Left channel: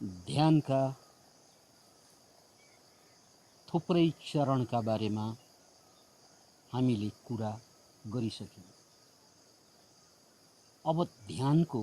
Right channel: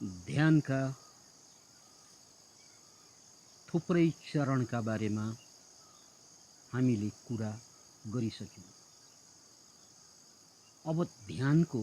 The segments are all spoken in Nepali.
ध्यानका थुप्रै चरणका बारेमा हामीले कुरा गरिसक्यौँ। अब ध्यानको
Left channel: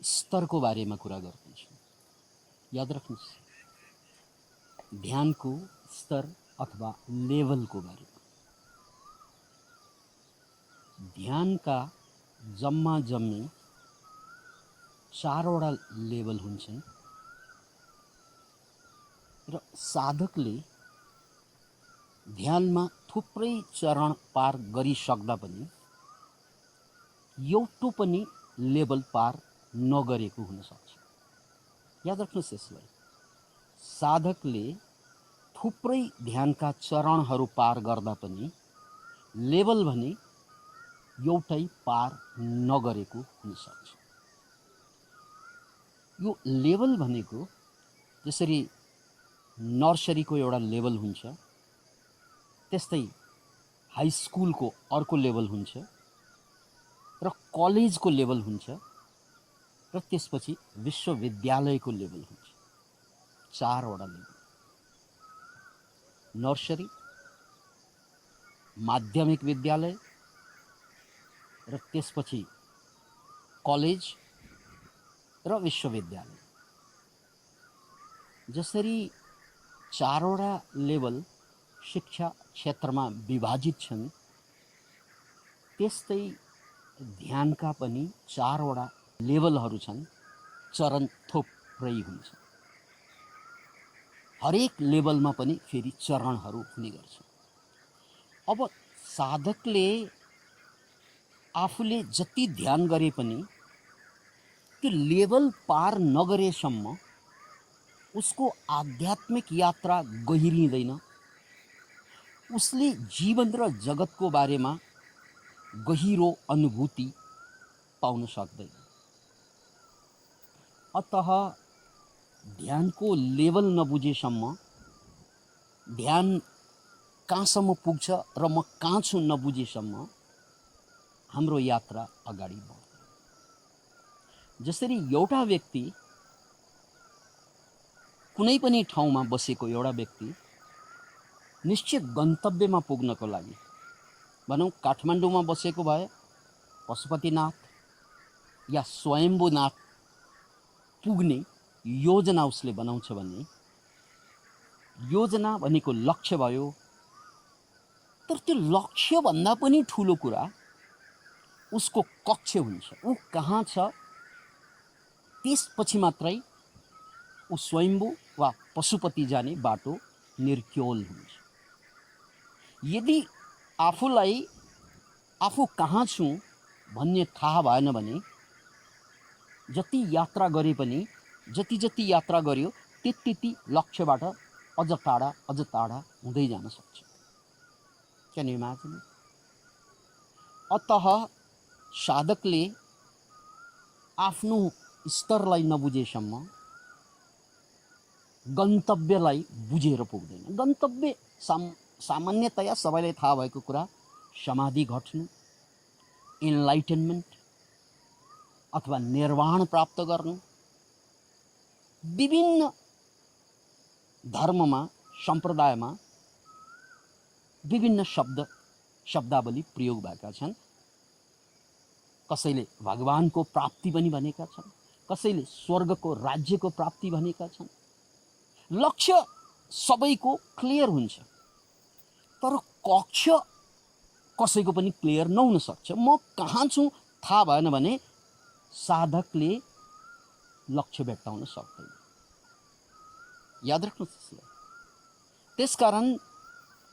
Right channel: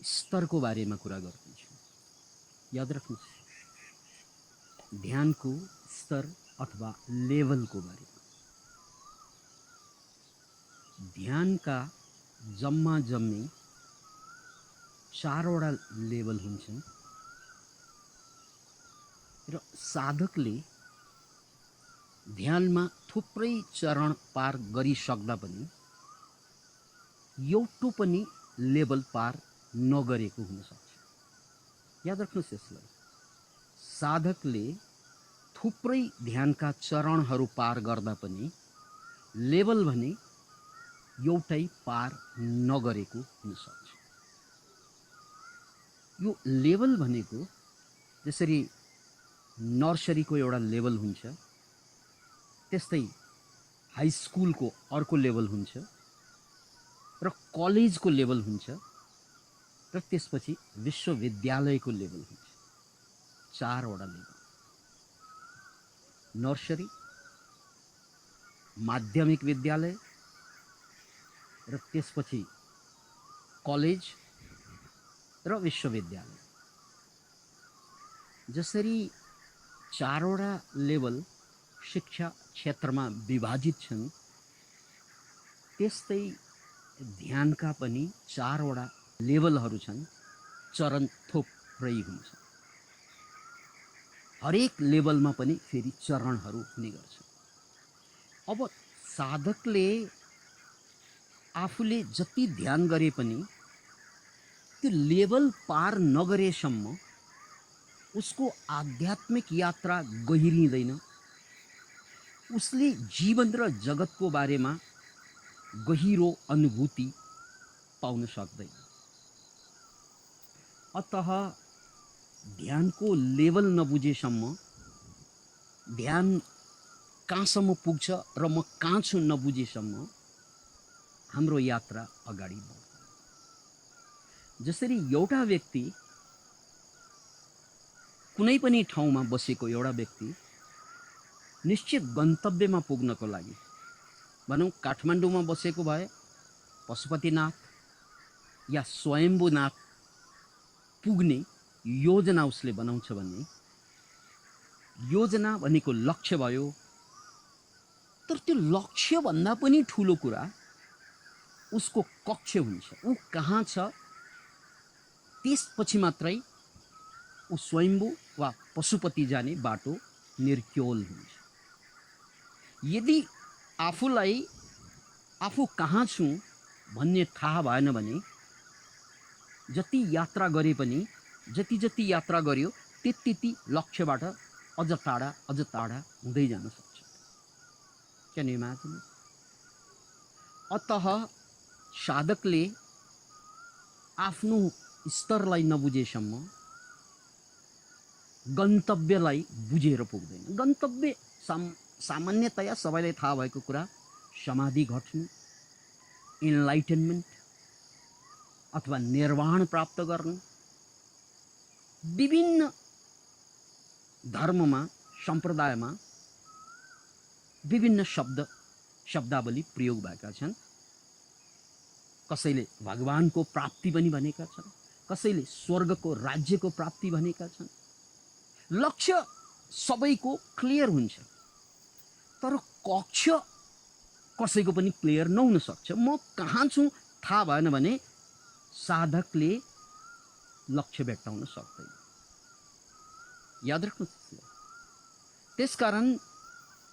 स्तरको बारेमा कुरा गर्दैछौँ। याद राख्नुहोस्, ध्यानको स्तर अथवा लेभलको बारेमा। ध्यानका जम्मा जम्मी 4वटा लेभल हुन्छन् र साधकले ध्यानमा थुप्रै चरण पार गरिसक्दा पनि एउटा पनि लेभल पार नगरेको हुन सक्छ। याद राख्नुहोस् यसलाई, साधकले थुप्रै ध्यानका चरणहरू पार गर्दा पनि लेभल भने एउटै पार नगरेको हुन सक्छ। यो लेभल भनेको जसरी नर्सरीको एउटा लेभल हुन्छ, त्यस्तै हाई स्कुलको अर्को लेभल हुन्छ र कलेजको लेभल हुन्छ र त्यसपछि विश्वविद्यालयको लेभल हुन्छ। 4वटा लेभल: नर्सरी, माध्यमिक विद्यालय र त्यसपछि कलेज र विश्वविद्यालय। जसरी 4वटा लेभल शिक्षा क्षेत्रमा विभाजित छन्, त्यस्तै ध्यानका पनि 4वटा लेभलहरू छन्। चरण थुप्रै हुन्छ। हरेक लेभलमा पनि फेरि चरणहरू हुने गर्छन्। अब साधकले आफूले जति ध्यान गरे पनि त्यो लेभल पार नगरेसम्म उसको आध्यात्मिक यात्रा गहिरिँदैन। उसले जीवन र जगतको बारेमा गहिरो अनुभूति पाउन सक्दैन। अतः ध्यानको लेभल नबुझेसम्म, ध्यान कहाँसम्म पुग्छ र म कहाँ छु नबुझेसम्म हाम्रो यात्रा अगाडि बढ्दैन। जसरी एउटा व्यक्ति, कुनै पनि ठाउँमा बसेको एउटा व्यक्ति निश्चित गन्तव्यमा पुग्नको लागि, भनौँ काठमाडौँमा बसेको भए पशुपतिनाथ या स्वयम्भूनाथ पुग्ने योजना उसले बनाउँछ भने योजना भनेको लक्ष्य भयो। तर त्यो लक्ष्यभन्दा पनि ठुलो कुरा उसको कक्ष्य हुन्छ। ऊ कहाँ छ त्यसपछि मात्रै ऊ स्वयम्भू वा पशुपति जाने बाटो निर्क्योल हुन्छ। यदि आफूलाई आफू कहाँ छु भन्ने थाहा भएन भने जति यात्रा गरे पनि, जति यात्रा गर्यो त्यति लक्ष्यबाट अझ टाढा हुँदै जान सक्छ। Can you imagine? अतः साधकले आफ्नो स्तरलाई नबुझेसम्म गन्तव्यलाई बुझेर पुग्दैन। गन्तव्य सामान्यतया सबैलाई थाहा भएको कुरा, समाधि घट्नु, इन्लाइटनमेन्ट अथवा निर्वाण प्राप्त गर्नु। विभिन्न धर्ममा, सम्प्रदायमा विभिन्न शब्दावली प्रयोग भएका छन्। कसैले भगवानको प्राप्ति पनि भनेका छन्, कसैले स्वर्गको राज्यको प्राप्ति भनेका छन्। लक्ष्य सबैको क्लियर हुन्छ, तर कक्ष्य कसैको पनि क्लियर नहुन सक्छ। म कहाँ छु थाहा भएन भने साधकले लक्ष्य भेट्टाउन सक्दैन। याद राख्नुहोस्। त्यसकारण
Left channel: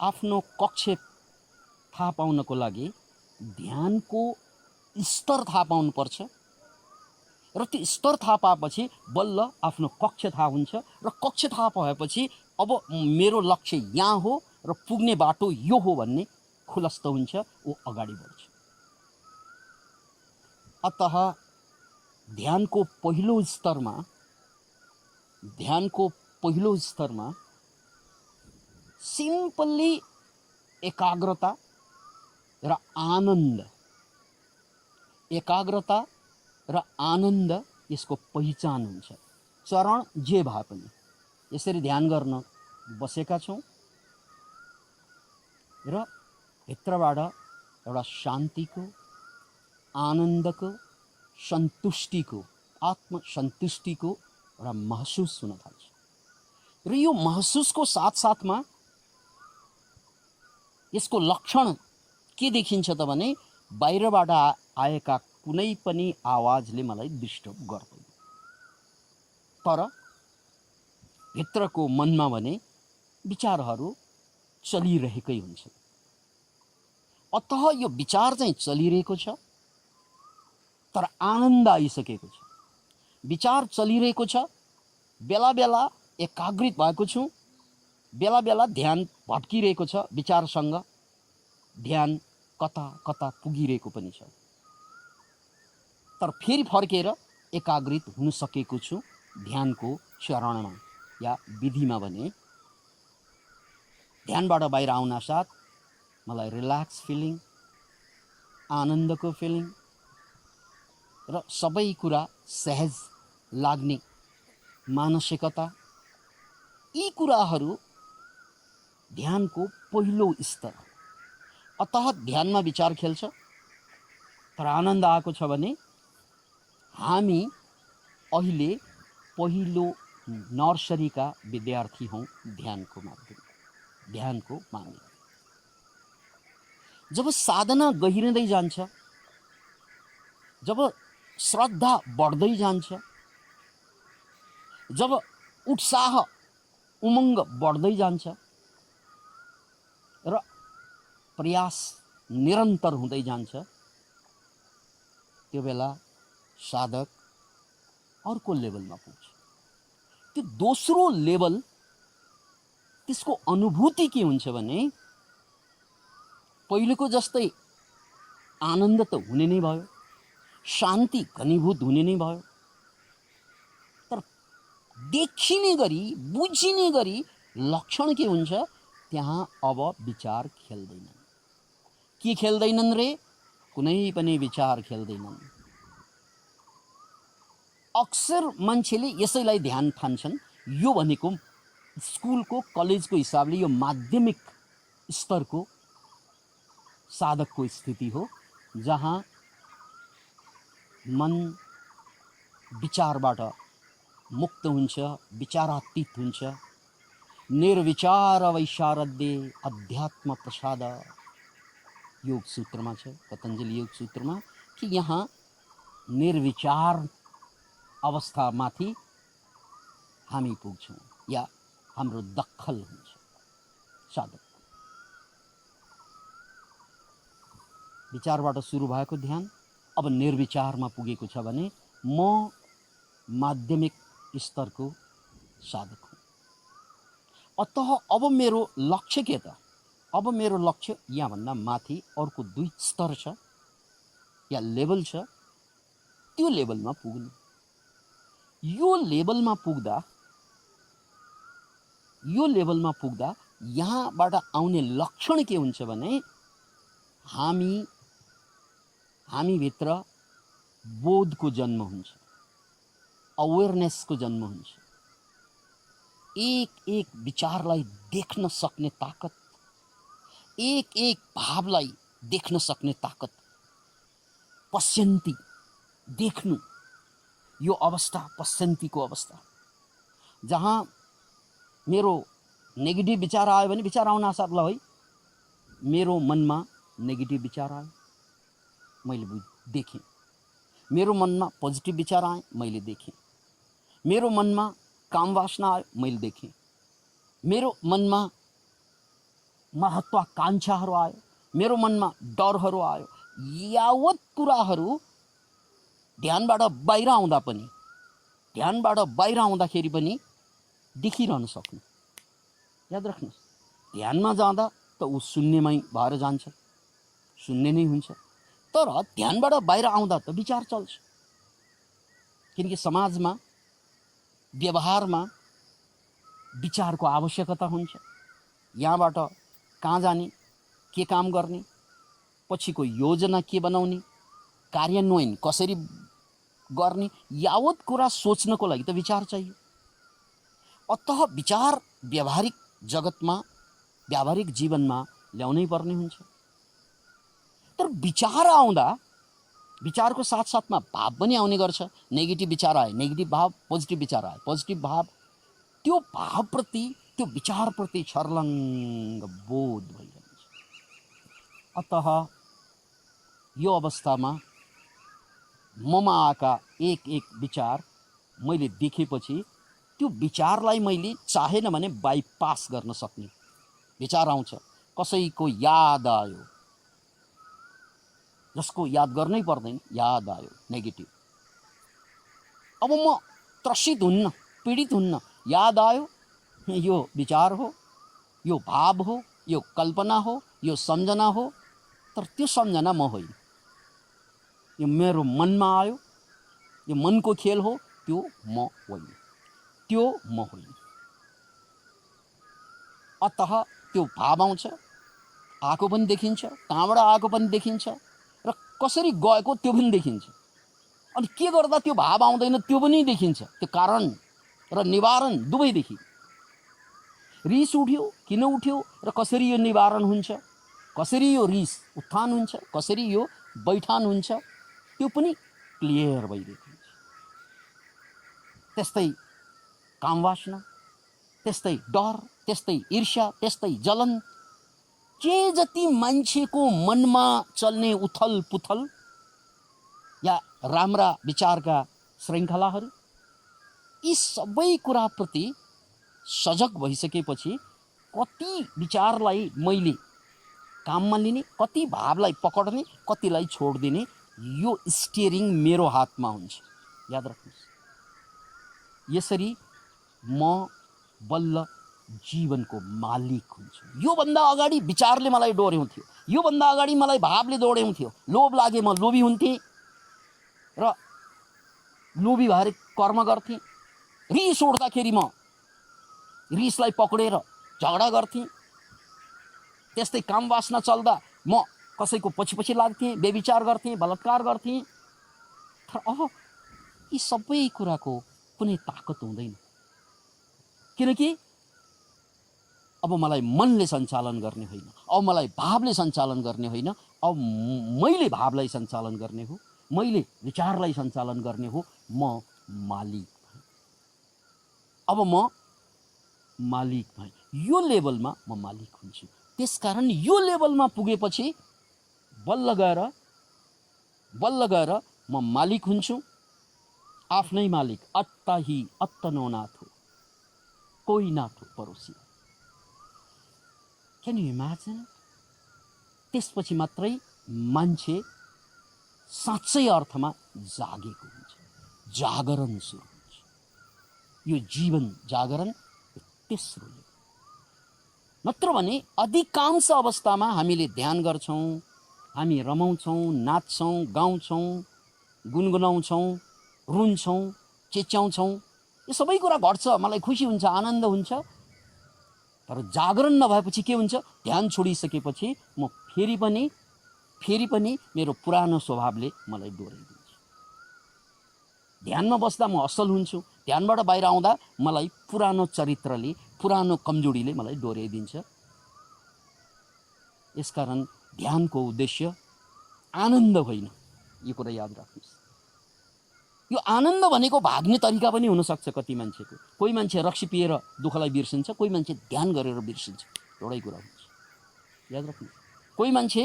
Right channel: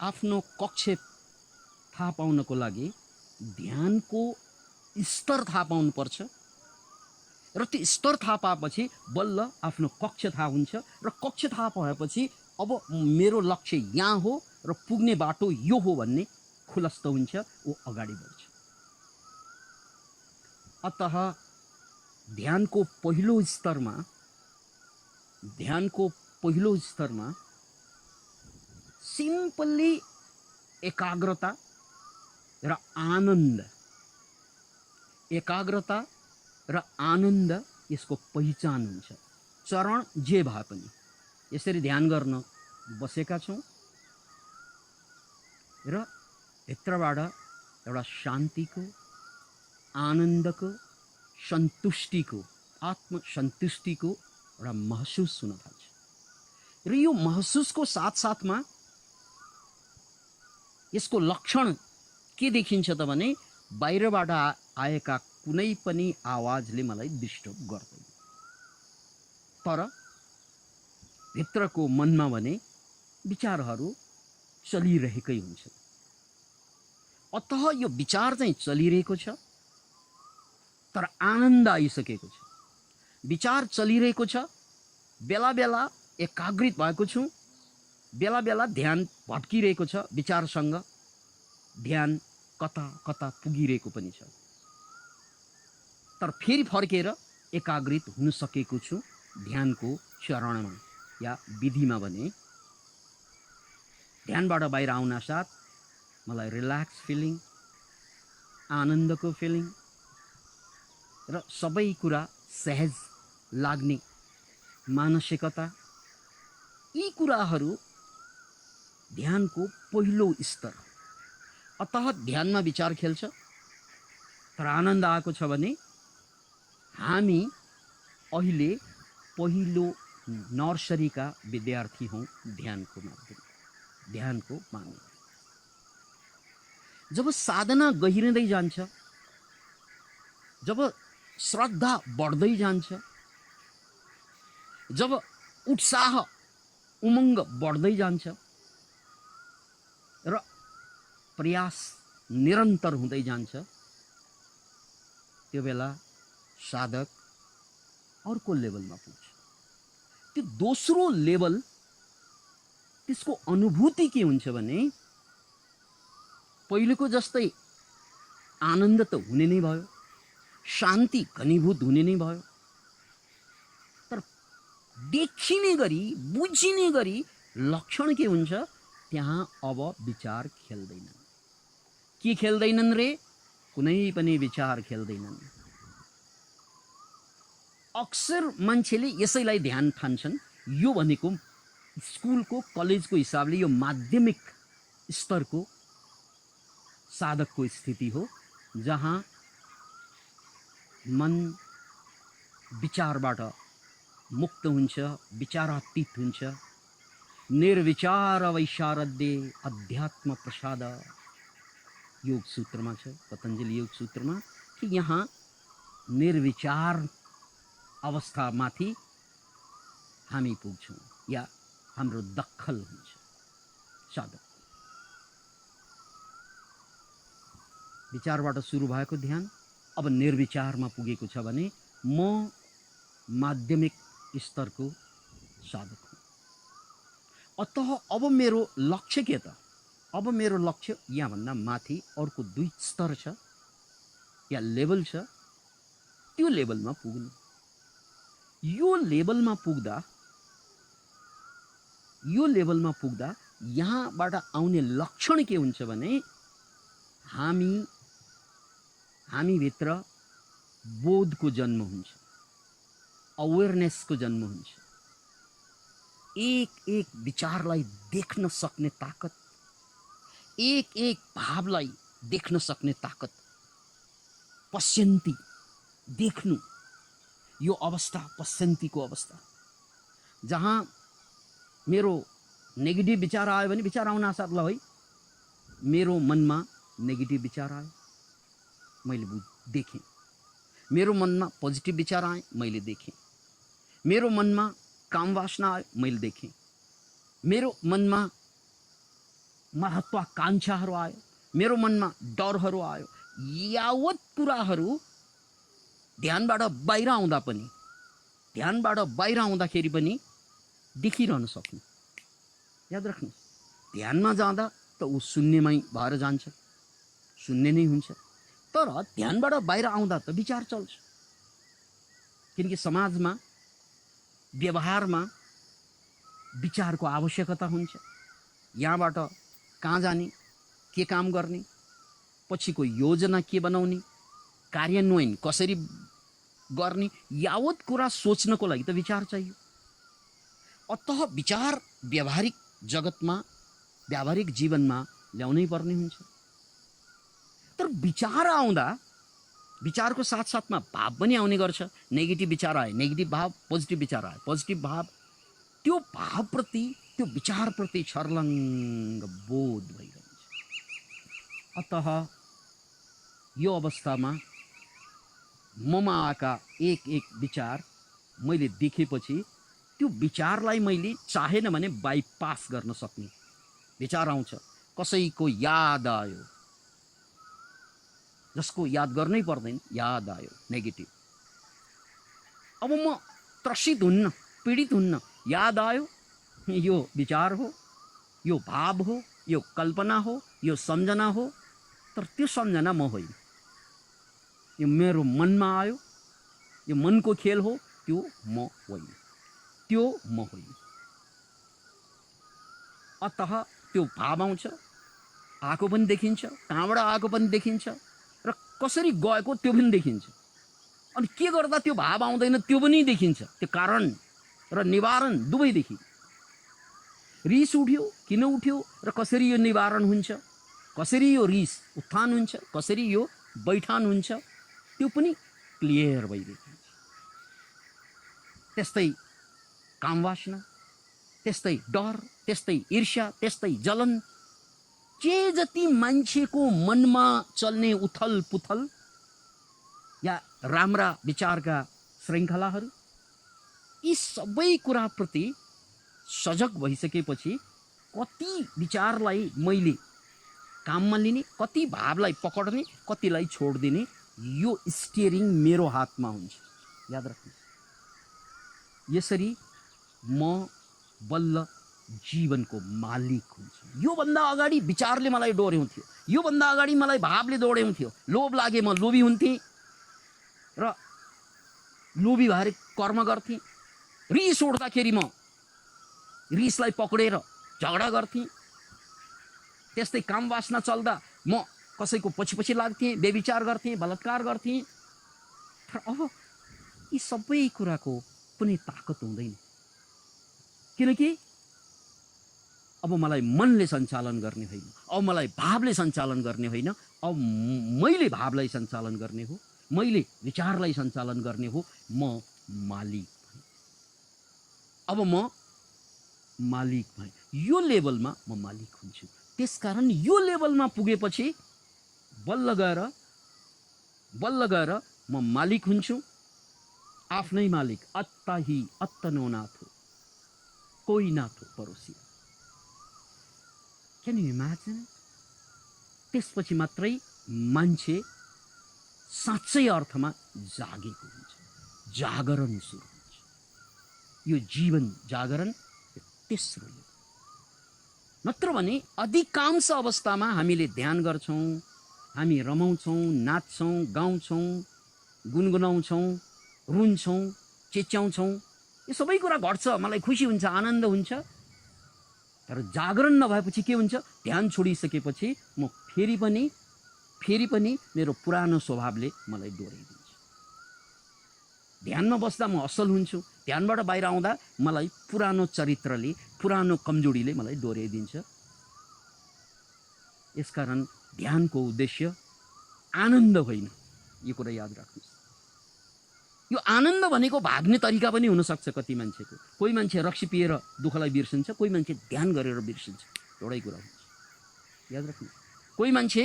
आफ्नो कक्ष्य थाहा पाउनको लागि ध्यानको स्तर थाहा पाउनुपर्छ र त्यो स्तर थाहा पाएपछि बल्ल आफ्नो कक्ष्य थाहा हुन्छ र कक्ष्य थाहा पाएपछि अब मेरो लक्ष्य यहाँ हो र पुग्ने बाटो यो हो भन्ने खुलस्त हुन्छ। ऊ अगाडि बढ्छ। अतः ध्यानको पहिलो स्तरमा सिम्पली एकाग्रता र आनन्द यसको पहिचान हुन्छ। चरण जे भए पनि यसरी ध्यान गर्न बसेका छौँ र भित्रबाट एउटा शान्तिको, आनन्दको, सन्तुष्टिको, आत्मसन्तुष्टिको एउटा महसुस हुन थाल्छ। र यो महसुसको साथसाथमा यसको लक्षण के देखिन्छ त भने बाहिरबाट आएका कुनै पनि आवाजले मलाई डिस्टर्ब गर्दैन, तर भित्रको मनमा भने विचारहरू चलिरहेकै हुन्छ। अतः यो विचार चाहिँ चलिरहेको छ, तर आनन्द आइसकेको छ। विचार चलिरहेको छ, बेला बेला एकाग्रित भएको छु, बेला बेला ध्यान भट्किरहेको छ, विचारसँग ध्यान कता कता पुगिरहेको पनि छ, तर फेरि फर्केर एकाग्रित हुन सकेको छु ध्यानको चरणमा या विधिमा। भने ध्यानबाट बाहिर आउन साथ मलाई रिल्याक्स फिलिङ, आनन्दको फिलिङ र सबै कुरा सहज लाग्ने मानसिकता, यी कुराहरू ध्यानको पहिलो स्तर। अतः ध्यानमा विचार खेल्छ, तर आनन्द आएको छ भने हामी अहिले पहिलो नर्सरीका विद्यार्थी हौँ ध्यानको मामिला। जब साधना गहिरिँदै जान्छ, जब श्रद्धा बढ्दै जान्छ, जब उत्साह उमङ्ग बढ्दै जान्छ र प्रयास निरन्तर हुँदै जान्छ, त्यो बेला साधक अर्को लेभलमा पुग्छ। त्यो दोस्रो लेभल, त्यसको अनुभूति के हुन्छ भने पहिलेको जस्तै आनन्द त हुने नै भयो, शान्ति घनीभूत हुने नै भयो, तर देखिने गरी, बुझिने गरी लक्षण के हुन्छ, त्यहाँ अब विचार खेल्दैनन्। के खेल्दैनन् रे? कुनै पनि विचार खेल्दैनन्। अक्सर मान्छेले यसैलाई ध्यान ठान्छन्। यो भनेको स्कुलको, कलेजको हिसाबले यो माध्यमिक स्तरको साधकको स्थिति हो, जहाँ मन विचारबाट मुक्त हुन्छ, विचारातीत हुन्छ। निर्विचार वैशारद्य अध्यात्म प्रसाद योग सूत्रमा छ, पतञ्जलि योग सूत्रमा, कि यहाँ निर्विचार अवस्थामाथि हामी पुग्छौँ या हाम्रो दखल हुन्छ साधक। विचारबाट सुरु भएको ध्यान अब निर्विचारमा पुगेको छ भने म माध्यमिक स्तरको साधक हुँ। अतः अब मेरो लक्ष्य के त? अब मेरो लक्ष्य यहाँभन्दा माथि अर्को 2 स्तर छ या लेभल छ, त्यो लेभलमा पुग्नु। यो लेभलमा पुग्दा यहाँबाट आउने लक्षण के हुन्छ भने हामी भित्र बोधको जन्म हुन्छ, अवेरनेसको जन्म हुन्छ, एक एक विचारलाई देख्न सक्ने ताकत, एक एक भावलाई देख्न सक्ने ताकत, पश्यन्ती देख्नु, यो अवस्था पश्यन्तीको अवस्था, जहाँ मेरो नेगेटिभ विचार आयो भने विचार आउन साथ ल है मेरो मनमा नेगेटिभ विचार आयो, मैले देखेँ। मेरो मनमा पोजिटिभ विचार आए, मैले देखेँ। मेरो मनमा काम वासना आयो, मैले देखेँ। मेरो मनमा महत्वाकांक्षाहरू आयो, मेरो मनमा डरहरू आयो। यावत कुराहरू ध्यानबाट बाहिर आउँदाखेरि पनि देखिरहन सक्नु। याद राख्नुहोस्, ध्यानमा जाँदा त ऊ शून्यमै भएर जान्छ, शून्य नै हुन्छ, तर ध्यानबाट बाहिर आउँदा त विचार चल्छ। किनकि समाजमा, व्यवहारमा विचारको आवश्यकता हुन्छ। यहाँबाट कहाँ जाने, के काम गर्ने, पछिको योजना के बनाउने, कार्यान्वयन कसरी गर्ने यावत कुरा सोच्नको लागि त विचार चाहियो। अतः विचार व्यावहारिक जगतमा, व्यावहारिक जीवनमा ल्याउनै पर्ने हुन्छ। तर विचार आउँदा विचारको साथसाथमा भाव पनि आउने गर्छ। नेगेटिभ विचार आए नेगेटिभ भाव, पोजिटिभ विचार आए पोजिटिभ भाव। त्यो भावप्रति, त्यो विचारप्रति छर्लङ्ग बोध भइरहन्छ। अतः यो अवस्थामा ममा आएका एक एक विचार मैले देखेपछि त्यो विचारलाई मैले चाहेन भने बाइपास गर्न सक्ने विचार आउँछ। कसैको याद आयो, जसको याद गर्नै पर्दैन, याद आयो नेगेटिभ। अब म त्रसित हुन्न, पीडित हुन्न। याद आयो, यो विचार हो, यो भाव हो, यो कल्पना हो, यो सम्झना हो। तर त्यो सम्झना म होइन, यो मेरो मनमा आयो, यो मनको खेल हो, त्यो म होइन, त्यो म होइन। अतः त्यो भाव आउँछ, आएको पनि देखिन्छ, कहाँबाट आएको पनि देखिन्छ, र कसरी गएको त्यो पनि देखिन्छ। अनि के गर्दा त्यो भाव आउँदैन त्यो पनि देखिन्छ। त्यो कारण र निवारण दुवै देखि। रिस उठ्यो, किन उठ्यो र कसरी यो निवारण हुन्छ, कसरी यो रिस उत्थान हुन्छ, कसरी यो बैठान हुन्छ, त्यो पनि क्लियर भइरहेको हुन्छ। त्यस्तै कामवासना, त्यस्तै डर, त्यस्तै ईर्ष्या, त्यस्तै जलन, जे जति मान्छेको मनमा चल्ने उथल पुथल या राम्रा विचारका श्रृङ्खलाहरू, यी सबै कुराप्रति सजग भइसकेपछि कति विचारलाई मैले काममा लिने, कति भावलाई पकडने, कतिलाई छोडिदिने, यो स्टियरिङ मेरो हातमा हुन्छ। याद राख्नुहोस्। यसरी म बल्ल जीवनको मालिक हुन्छु। योभन्दा अगाडि विचारले मलाई डोर्याउँथ्यो, योभन्दा अगाडि मलाई भावले डोर्याउँथ्यो। लोभ लागे म लोभी हुन्थेँ र लोभी भएर कर्म गर्थेँ। रिस उठ्दाखेरि म रिसलाई पक्रेर झगडा गर्थेँ। त्यस्तै काम वासना चल्दा म कसैको पछि पछि लाग्थेँ, बेविचार गर्थेँ, बलात्कार गर्थेँ। तर अब यी सबै कुराको कुनै ताकत हुँदैन, किनकि अब मलाई मनले सञ्चालन गर्ने होइन, अब मलाई भावले सञ्चालन गर्ने होइन, अब मैले भावलाई सञ्चालन गर्ने हो, मैले विचारलाई सञ्चालन गर्ने हो। म मालिक भएँ। अब म मालिक भएँ। यो लेभलमा म मालिक हुन्छु। त्यसकारण यो लेभलमा पुगेपछि बल्ल गएर म मालिक हुन्छु, आफ्नै मालिक। अत्ता ही अत्तनो नाथो, कोही नाथो परोसी। Can you imagine? त्यसपछि मात्रै मान्छे साँच्चै अर्थमा जागेको हुन्छ, जागरण सुरु हुन्छ। यो जीवन जागरण तेस्रो हो। नत्र भने अधिकांश अवस्थामा हामीले ध्यान गर्छौँ, हामी रमाउँछौँ, नाच्छौँ, गाउँछौँ, गुनगुनाउँछौँ, रुन्छौँ, चिच्याउँछौँ। यो सबै कुरा घट्छ, मलाई खुसी हुन्छ, आनन्द हुन्छ। तर जागरण नभएपछि के हुन्छ? ध्यान छोडिसकेपछि म फेरि पनि मेरो पुरानो स्वभावले मलाई डोर्याइदिन्छ। ध्यानमा बस्दा म असल हुन्छु, ध्यानबाट बाहिर आउँदा मलाई पुरानो चरित्रले, पुरानो कमजोरीले मलाई डोर्याइदिन्छ। यसकारण ध्यानको उद्देश्य आनन्द होइन, यो कुरा याद राख्नुहोस्। यो आनन्द भनेको भाग्ने तरिका पनि हुनसक्छ कति मान्छेको। कोही मान्छे रक्सी पिएर दुःखलाई बिर्सिन्छ, कोही मान्छे ध्यान गरेर बिर्सिन्छ, एउटै कुरा हुन्छ, याद राख्नु। कोही मान्छे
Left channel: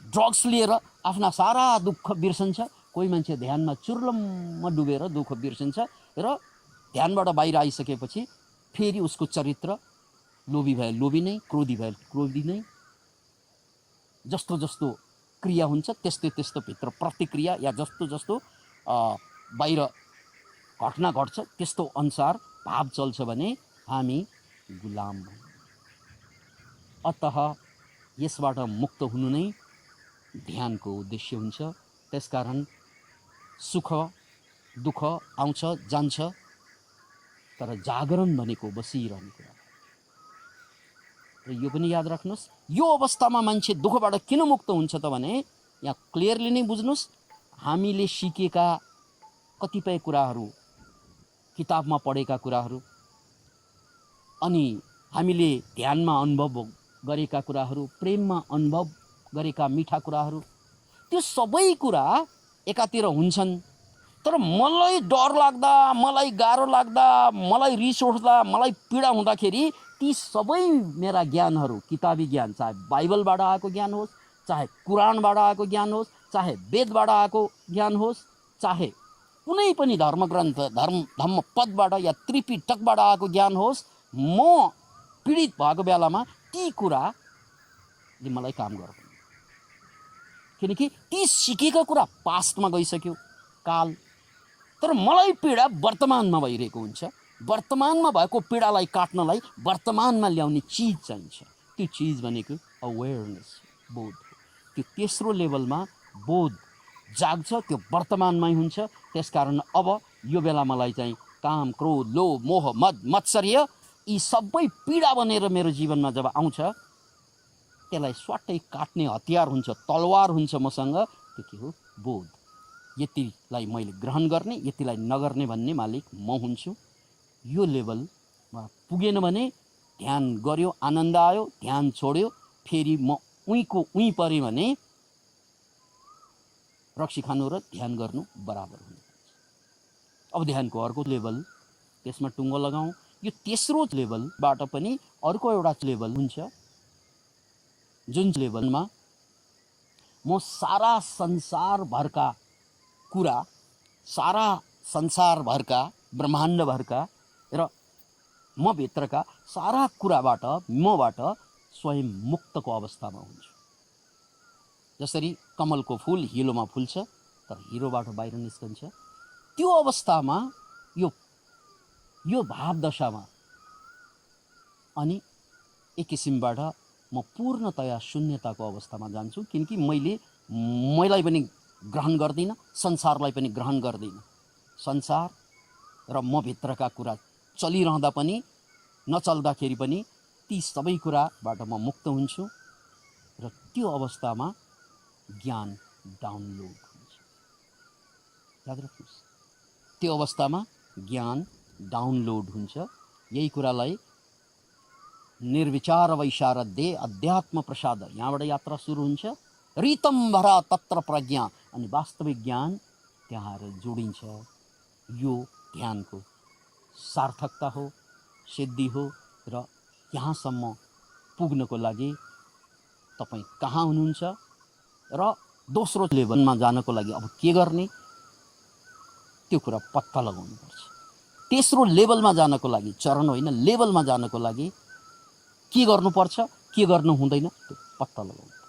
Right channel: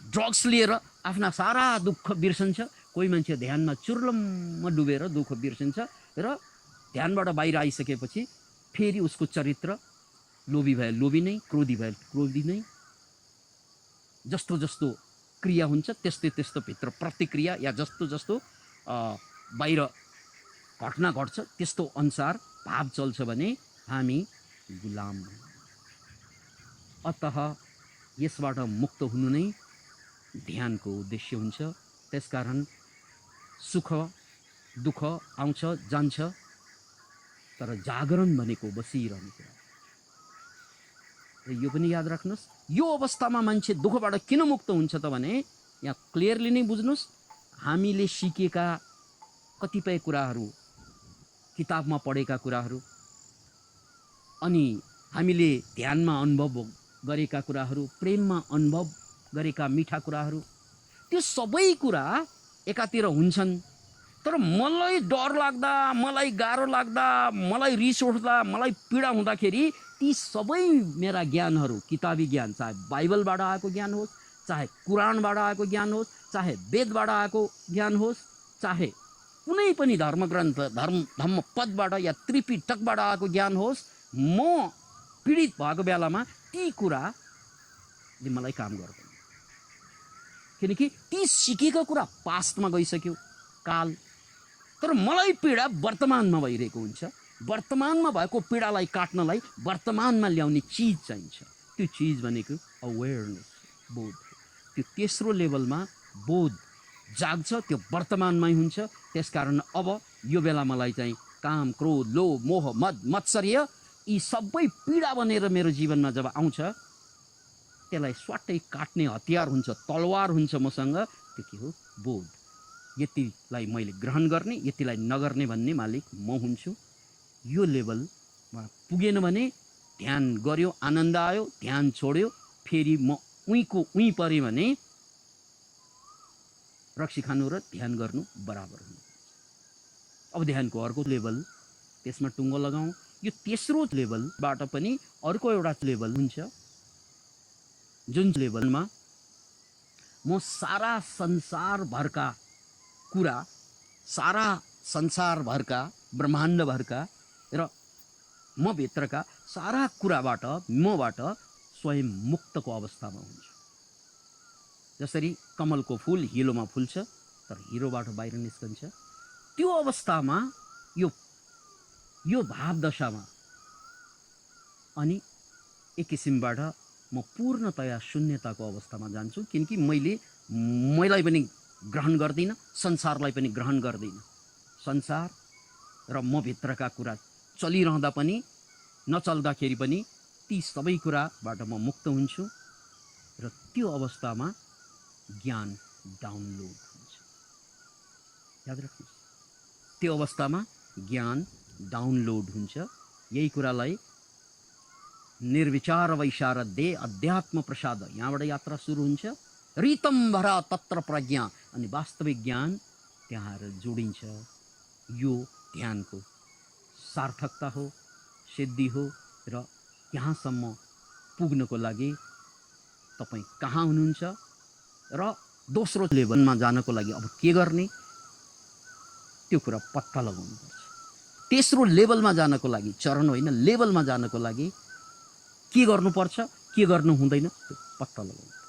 ड्रग्स लिएर आफ्ना सारा दुःख बिर्सन्छ, कोही मान्छे ध्यानमा चुर्लम्म डुबेर दुःख बिर्सिन्छ र ध्यानबाट बाहिर आइसकेपछि फेरि उसको चरित्र लोभी भए लोभी नै, क्रोधी भए क्रोधी नै। जस्तो जस्तो क्रिया हुन्छ त्यस्तो भित्र प्रतिक्रिया या जस्तो बाहिर घटना घट्छ त्यस्तो अनुसार भाव चल्छ भने हामी गुलाम हौँ। अतः यसबाट मुक्त हुनु नै ध्यानको उद्देश्य हुन्छ। त्यसकारण सुख दुःख आउँछ जान्छ, तर जागरण भनेको बसिरहने कुरा। र यो पनि याद राख्नुहोस्, यो अवस्थामा मान्छे दुःखबाट किन मुक्त हुन्छ त भने यहाँ क्लियरली नै बुझ्नुहोस्, हामीले सिकेका कतिपय कुराहरू, किताबमा पढेका कुराहरू, अनि हामीले ध्यानमा अनुभव गरेका कुराहरू, प्रेममा अनुभव गरेका मिठा कुराहरू, त्यो सबै कुरा एकातिर हुन्छन्। तर मलाई डर लाग्दा, मलाई गाह्रो लाग्दा, मलाई रिस उठ्दा, मलाई पीडा हुँदाखेरि ती सबै मेरा ज्ञानहरू, किताबी ज्ञान, चाहे बाइबलबाट आएको ज्ञान होस्, चाहे कुरानबाट आएको ज्ञान होस्, चाहे वेदबाट आएको ज्ञान होस्, चाहे कुनै पनि धर्मग्रन्थ, धम्मपदबाट या त्रिपिटकबाट आएको ज्ञान होस्, म पीडित भएको बेलामा ती कुराले मलाई काम गर्दैन। किनकि ती सिकेको कुरा पास्टमा गइसक्यो, काल। तर मलाई पीडा वर्तमानमा भइरहेको हुन्छ। वर्तमानमा भएको पीडालाई काट्नलाई वर्तमानमा ल्याउने चिज चाहिन्छ। त्यो चिज भनेको अवेरनेस, बोध। त्यो तेस्रो लेभलमा बोध जाग्छ, त्यो वर्तमानमै हुन्छ। त्यसकारण अब यो बेला मलाई चाहिँ काम, क्रोध, लोभ, मोह, मद, मत्सर्य यी सबै पीडा बनेर मेरो जीवनमा जब आउँछ, त्यसलाई स्वाटै काट्ने हतियार हुन्छ, तलवार हुन्छ मसँग। त्यो के हो? बोध। यतिलाई मैले ग्रहण गर्ने, यतिलाई नगर्ने भन्ने मालिक म हुन्छु। यो लेभलमा पुगेन भने ध्यान गर्यो, आनन्द आयो, ध्यान छोड्यो, फेरि म उहीँ पऱ्यो भने रक्सी खानु र ध्यान गर्नु बराबर हुन्छ। अब ध्यानको अर्को लेभल, त्यसमा टुङ्गो लगाउँ। यो तेस्रो लेभलबाट पनि अर्को एउटा लेभल हुन्छ, जुन लेभलमा म सारा संसारभरका कुरा, सारा संसारभरका, ब्रह्माण्डभरका र म भित्रका सारा कुराबाट, मबाट स्वयं मुक्तको अवस्थामा हुन्छु। जसरी कमलको फुल हिलोमा फुल्छ तर हिलोबाट बाहिर निस्कन्छ, त्यो अवस्थामा यो भावदशामा अनि एक किसिमबाट म पूर्णतया शून्यताको अवस्थामा जान्छु। किनकि मैलाई पनि ग्रहण गर्दिनँ, संसारलाई पनि ग्रहण गर्दिनँ। संसार र म भित्रका कुरा चलिरहँदा पनि, नचल्दाखेरि पनि ती सबै कुराबाट म मुक्त हुन्छु र त्यो अवस्थामा ज्ञान डाउनलोड हुन्छ। याद राख्नुहोस्, त्यो अवस्थामा ज्ञान डाउनलोड हुन्छ। यही कुरालाई निर्विचार वैशारदे अध्यात्म प्रसाद, यहाँबाट यात्रा सुरु हुन्छ। रीतम भरा तत्र प्रज्ञा, अनि वास्तविक ज्ञान त्यहाँ जोडिन्छ। यो ध्यानको सार्थकता हो, सिद्धि हो। र यहाँसम्म पुग्नको लागि तपाईँ कहाँ हुनुहुन्छ र दोस्रो लेभलमा जानको लागि अब के गर्ने, त्यो कुरा पत्ता लगाउनुपर्छ। तेस्रो लेभलमा जानको लागि, चरण होइन लेभलमा जानको लागि के गर्नुपर्छ, के गर्नु हुँदैन, त्यो पत्ता लगाउनु।